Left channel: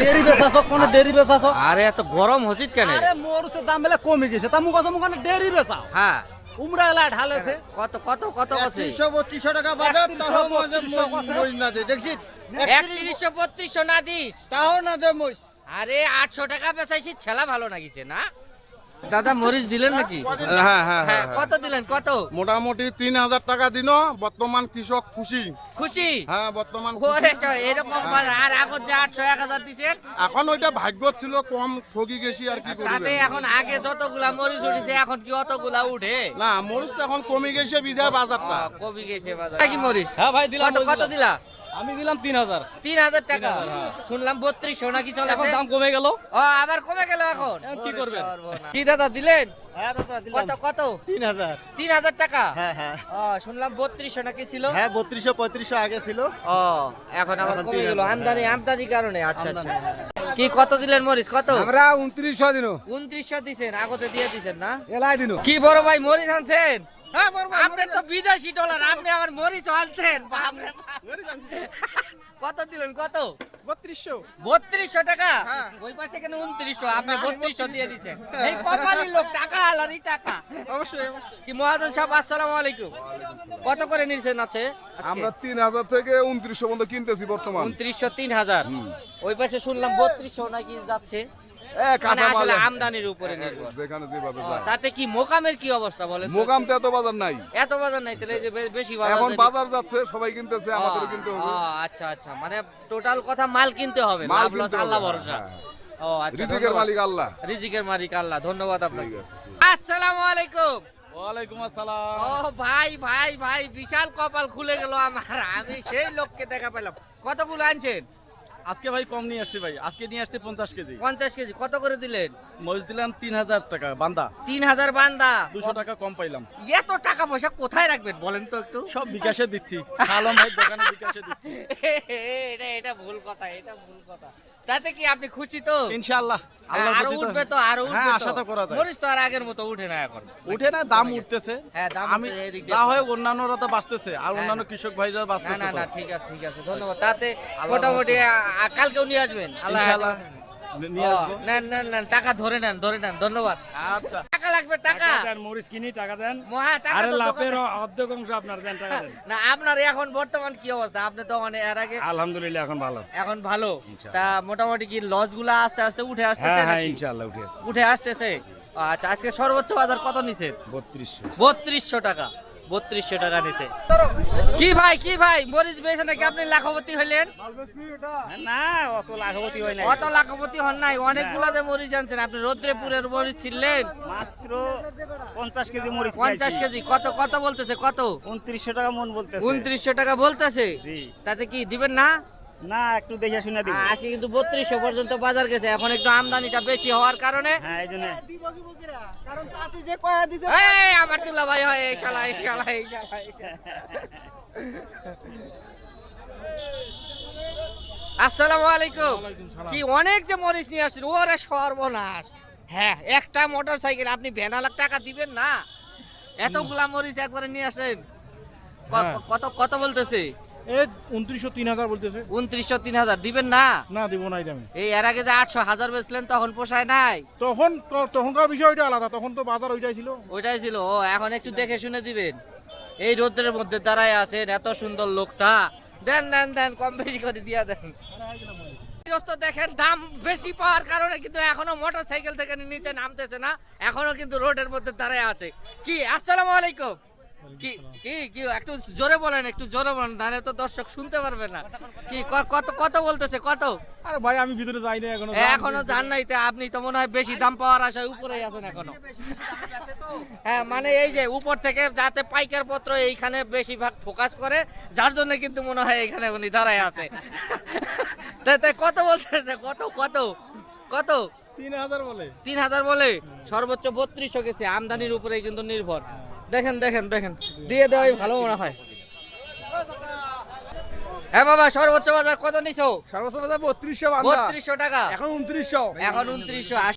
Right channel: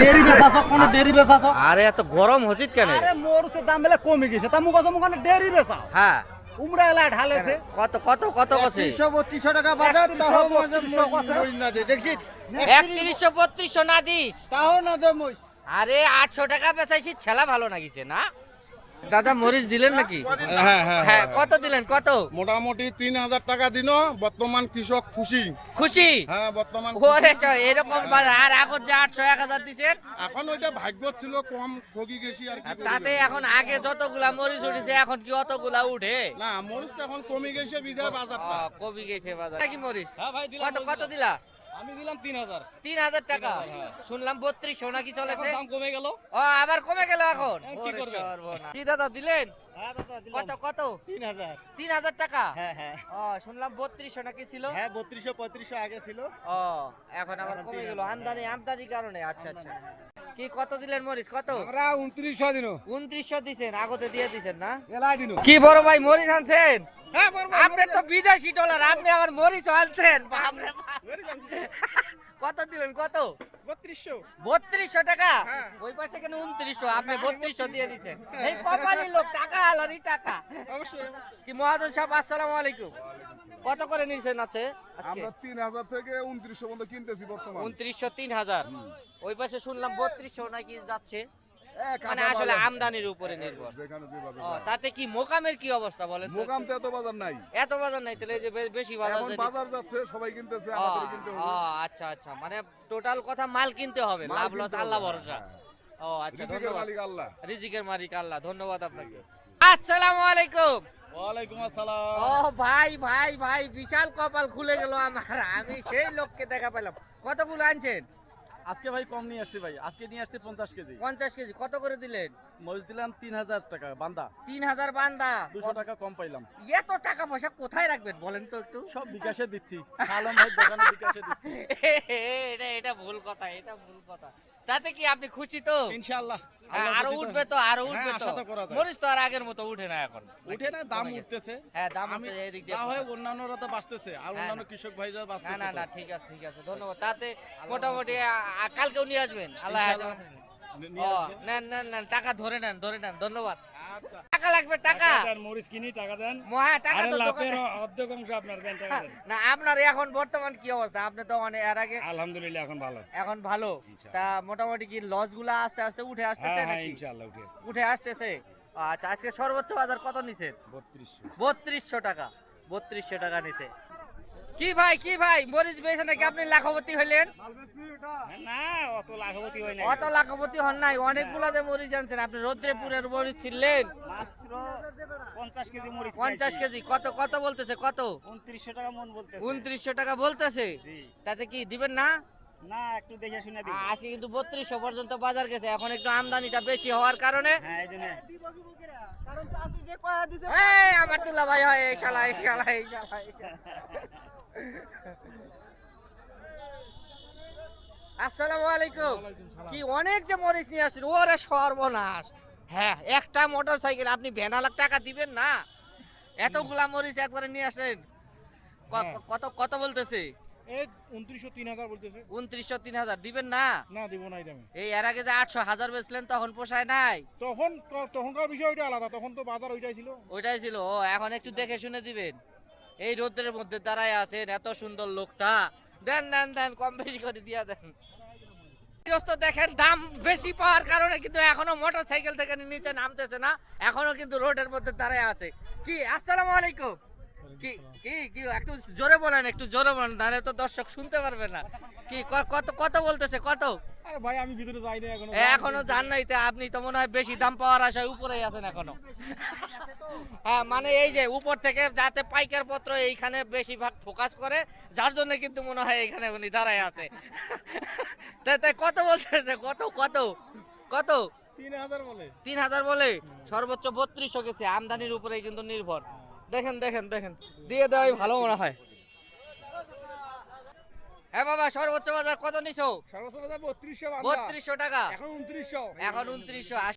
Dairy বেচাছো কোন dairy বেচাছো? আরে এত গরম হচ্ছিস কেন? আরে মরুচের দাম বেলা কমে গেছে তা মুখ কোন ডেরি বেচাও? হ্যাঁ উমরা এলা ঢালেছে কত কত কত আছে? 300-3200 টাকা বাজার তাও মই না দে দেখছিস 3132 না দিস? তাও না দে মই। আরে 800 টাকা বেচাইছি, ছেলা ভালো লাগিছে না? দাদা মরিচ দিলেন নাকি? হ্যাঁ হ্যাঁ হ্যাঁ কত দিলেন কত? মোটামুটি 3000 টাকা দিন। বর্তমান কৃষক খুশি। খুশি? হ্যাঁ বর্তমান ওরে এরকম বাজার আর আগত যে 800 1000 দিছেন এখন ওইটা ভাগ্য ছিল কম, ঠকি গেছি আর কি তাতে করবে। এখন আগে যতগুলা মরিচ উঠেছে এখন কি অতগুলা উঠে? না মরিচ তো এখন কমে গেছে বিধায় বাজারটা। কবি গেছে বাজার কি মরিচ? হ্যাঁ ভাই দিলাম। কত কত দিলা? আমি দিলাম 3000। 3000 টাকা শুনলাম 3200 নাকি চলে? এখন দাম কমে গেল। ও আবার কমে গেল এখন? এখন কি করবেন? কি দাদা দিলেন? হ্যাঁ দাদা কত কত? 3000। 3000 টাকা? হ্যাঁ হ্যাঁ ও শুনলাম 3200 নাকি ছিল? হ্যাঁ 3200-3500 আগে ছিল। ও এখন আবার কমে গেল আমদানি কারণে। আচ্ছা আচ্ছা কি কত দিলেন মরিচ কত? আমরা 2900 দিনো 2900 দিছেন, আগতে দিয়ে দিছেন না? এলাই দিনো। কি বড় ভাই মরিচ আনছেন? হ্যাঁ বড় ভাই আপনি তো বিদেশি ডলার, আপনি আবার মরিচ আনছেন? বাপ রে বাপ। কত দিলেন কত? 3200 টাকা? হ্যাঁ। ওই পাশে কেন 2900, আপনি 3200 দিয়ে দিচ্ছেন। এই কপালি লোক, টাকা আলারই টাকা। অবশ্যই কি মহাজন সাহেব আসসালামু আলাইকুম, কত করে নিছেন আছে? আমরা 3000 থেকে 2900 পর্যন্ত কিনতেছি বর্তমান। 2900 3000। ওই পাশে শুনলাম 3200 নাকি যাচ্ছে। মানে কাঁচা আসলে মাল আমদানির উপরে নির্ভর। যেখানে যেভাবে ও, যায়। তাতে কি মোকামের কি অবস্থা বলেন তো? মোকাম তো এত বাজার নাই। এত বাজার নাই তাহলে এই যে বেশি বাজার এখন যদি- বাজার যাচ্ছে, সবাই কিনতেছে, আমাদেরও কিনতে হবে। ও, আচ্ছা আচ্ছা মানে টোটাল কথা মাল কিনতে হবে, মাল লাভ লস কিনতে আল্লাহ হবে, ভরসা। হ্যাঁ। ও আচ্ছা রিজিকের ধন্যবাদ। মালিক আল্লাহ। রিজিকের মালিক আল্লাহ, ধন্যবাদ আপনাকে। ঠিক আছে। আসসালামু আলাইকুম। ওয়ালাইকুম আসসালাম। ও ভাই ভাই ভাই বিশাল কপাল খুলে গেল আমার, আমি সেই লোককে দেখা পেলাম। কতগুলো আনছেন? আজকে ভাই কম নিয়ে আসছি ভাই, আজকে নিয়ে আসছি 50 কেজি। 50 কেজি। কত করে দিলেন? মরিচ দিলাম 3000 টাকা বান্দা, 3000 বান্দা। 200 টাকা কম পাইলাম। এত টাকা পয়সা কোথায় রাখবেন বলেন তো একটু? সব বিকাশে দিচ্ছি। আলম ভাই দোকানে বিকাশে দিচ্ছি। এটা ভুল কথা, এটা ভুল কথা। তাতে কি আপনি খুশি তো? ইনশাআল্লাহ হ্যাঁ, আরো উঠবে তো, আরো উঠবে হ্যাঁ, তো। আশা তো করা যায়। মরিচ তো আর আগের মতো উঠে না এখন। উঠে না, দাম উঠতেছে। হ্যাঁ, দাম আমি উঠতেছে, এদিক দিয়ে যা হয় অন্যান্যরা তো বাঁচতেছে, আর হ্যাঁ, অন্যান্য হ্যাঁ। কৃষক ভাইরা না বাঁচতেছে না তো। না ঠিক আছে ঠিক আছে ধন্যবাদ। তাতে মোটামুটি কালকেও নিয়ে আসবেন আল্লাহ ইনশাআল্লাহ নিয়ে আসবো। নেন নেন নেন, টাকা ধরে নেন ধন্যবাদ। আচ্ছা টাকা লাগবে টাকা। মরিচ কিনি টাকা দেন। টাকা আরে তো লাভের দোকানে- অর্ধেক অংশ আপনার দেন, টাকা দেন। না আপনার এখন বর্তমান কি অবস্থা? আপনি তো মানে এর আগে আলহামদুলিল্লাহ এখন ভালো। এখন ভালো। তা মোটামুটি কি লস গুলা আস্তে আস্তে উঠে আসতেছে হ্যাঁ হ্যাঁ নাকি? ইনশাআল্লাহ উঠে আসছে। উঠে আসতেছে। আচ্ছা আজকে সর্বোচ্চ বাজার কত নিছেন? 3200। 3200 টাকা। 3200 টাকা নিছে। কি ভাই মরিচ বেচে নাকি আপনি লাখপতি হইলেন? না অত লাখপতি হয় না, অত লাখপতি হন নাই, অনেকগুলা যে মরিচ আনছেন আপনি। রৌদ্রপুরের মরিচ ছিলেন মাত্র 50 কেজি মরিচ 50 কেজি। কত কত বলতেছে কত? 2900 টাকা মন বলতেছে। 2900 টাকা বলতেছে। জি। তাতে কি দিবেন না? না একটু দেখে শুনে দিব। আজকে কিন্তু 3200 পর্যন্ত বাজার গেছে, এখন একটু আমদানিটা বেশি হওয়ার কারণে। হ্যাঁ এই জন্য কারণ চাষি যে কয়া দিছে এই আমার দুলা ভাই হয় এই শালা। আসসালামু আলাইকুম। কি অনেক যে মরিচ নিয়ে আসছেন, ওরে সর্বনাশ। হ্যাঁ একটা মোটর সাইকেল আপনি ভ্যানালাখ টাকা দিবেন না? এতগুলা মরিচ একবারে নিয়ে আসলেন। কত কত বলতেছে? এই 2900 3000 বলতেছে। 2900 3000 দিবেন না? না দিব নাই দামে। এই এর আগে যে 800 1000 বেচলেন তখন পোষায় নাই? তখনকার বিষয় ওইটা আলাদা, তখন তো বাজার ওইটাই ছিল। ওইটাই ছিল। ও এখন একটু দেখে শুনে দিবেন। এই রোদ্রের মধ্যে দাঁড়ায় আছেন, এত সুন্দর লোকটা। দেন দেন দেন, কম বেশি করে দিয়া দেন। গৃহস্থ দেখেন দাম বেশি পাওয়ার কারণে কিন্তু এখনো মোটর সাইকেল থেকে নিচে নামতেছে না, এখনো কিন্তু রোডের মধ্যে দাঁড়ায় আছে। কি আসসালামু আলাইকুম। কি কি কি একটু জোরে বলেন, একটু জোরে বলেন, নাহলে তো দর্শক শুনতে পারবে না। কি কত কত বলতেছে কত? আরে ভাই আমি ভিতরে যাই না এখনো। এখনো জান নাই তো আপনি তো মনে হয় বেশি দাম পাওয়ার আশায় উপরেই আছেন এখনো। হ্যাঁ মানে এই যে উপর থেকে যাতে পাইকার পত্র এইখানে বেশিরভাগ ফোকাস করে, যার জন্য কিন্তু মনে হয় এখানে উনি দাঁড়ায় আছে। তাই কত বলতেছে? কত কত কত? 3000 বলে। 3000 বলে। সর্বোচ্চ 3200 গেছে, আমদানির উপরেই কিন্তু নির্ভর। দেখেন দেখেন দেখেন, দিয়ে দেওয়াই ভালো মনে হয়। হ্যাঁ বাবা সর্বোচ্চ বাজার কত নিছো? সর্বোচ্চ বাজার 3200 3200 টাকা। এখন 2900। এখন 2900।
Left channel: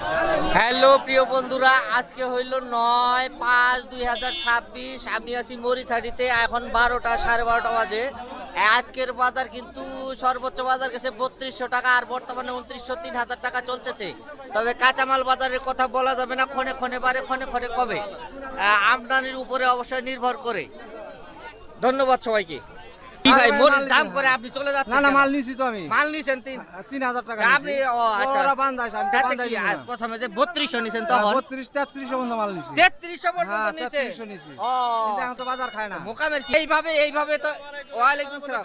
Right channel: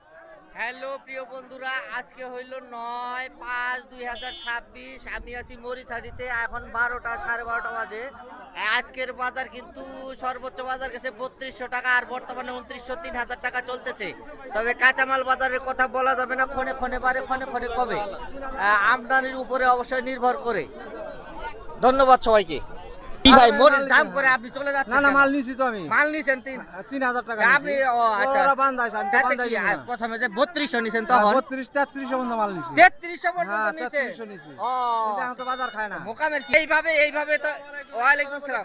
হ্যালো প্রিয় বন্ধুরা, আজকে হইল 9/5/2026। আমি আছি মরিচহাটিতে। এখন 12টা 12:30 বাজে। আজকের বাজার কিন্তু সর্বোচ্চ বাজার গেছে 3200 টাকা, আর বর্তমানে 2900 3000 টাকা চলতেছে। তবে কাঁচামাল বাজারের কথা বলা যাবে না, ক্ষণে ক্ষণে বাড়ে, ক্ষণে ক্ষণে কমে, আমদানির উপরে অবশ্যই নির্ভর করে। ধন্যবাদ সবাইকে। কি ভাই মরিচ দাম করে আপনি চলে যাচ্ছেন? না না, কেন? মাল নিছি তো আমি। মাল নিছেন 3000 টাকা আপনি ও আচ্ছা ওরা বান্ধাইছে, আমি তো তাতে বান্ধাই কি, দিই না। প্রথমে যে 3200 নিছেন তখন 32-33 পর্যন্ত মাল নিছি। 3300 পর্যন্ত হ্যাঁ, নিছে। 3300 নিছি। ও কিন্তু এখন তো বাজার খায় না। মোকামের কি এইভাবে তো। ওয়ালাইকুম সালাম।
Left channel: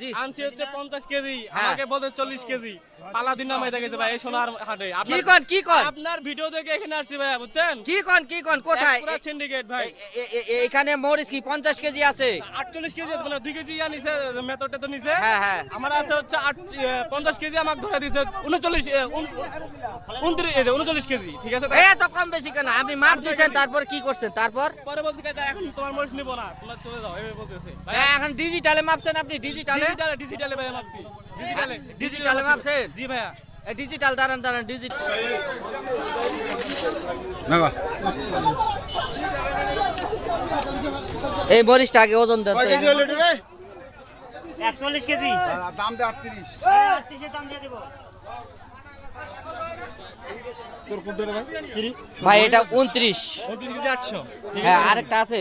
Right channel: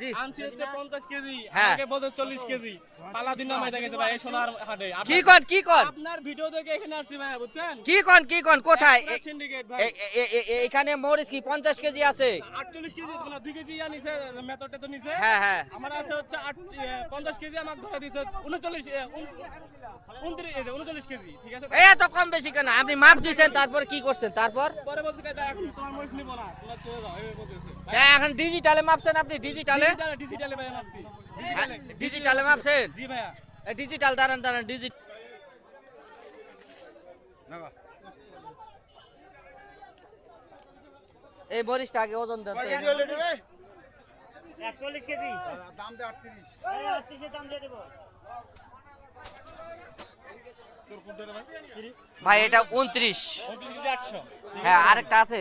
জি আনছি হচ্ছে 50 কেজি, হ্যাঁ। আমাকে বলতে 40 কেজি। পালা দিন নামাই গেছে ভাই এই সোনার হাটে। কি কোন আপনার ভিডিও দেখে এখানে আসছি ভাই, বুঝছেন? কি কোন কোথায়? পুরো সিন্ডিকেট ভাই। এইখানে মরিচ কি 50 কেজি আছে? 48 কেজি আছে, মানে 2 কেজি নিছে, মেথডটা তো নিছে। হ্যাঁ। আমার আছে হচ্ছে 50 কেজি, আমাকে ধরে দিছে 39 কেজি, ঠিক আছে? এত কম বেশি কেন? আপনি মাপ দিয়েছেন, তারপর কি করছেন? তারপর পরে বলছি কাকা এখন তোমার মরিচ নিব না, তোমরা চলে যাও, এই বলতেছে। এখন ডিজিটালে মাপছেন আপনি? ডিজিটালে ডিজিটালে ভাই মাপছি। ডিজিটালে মাপছেন? জি ভাইয়া। ডিজিটাল দাঁড়ান ডিজিটাল। এই মরিচটা আগে ওজন দেন তো। 41 কেজি দাম দে 38। 38 এর দাম দিয়ে দেব। ভাই এটা 29। 29 কেজি 800। হ্যাঁ, আরেকটা আছে।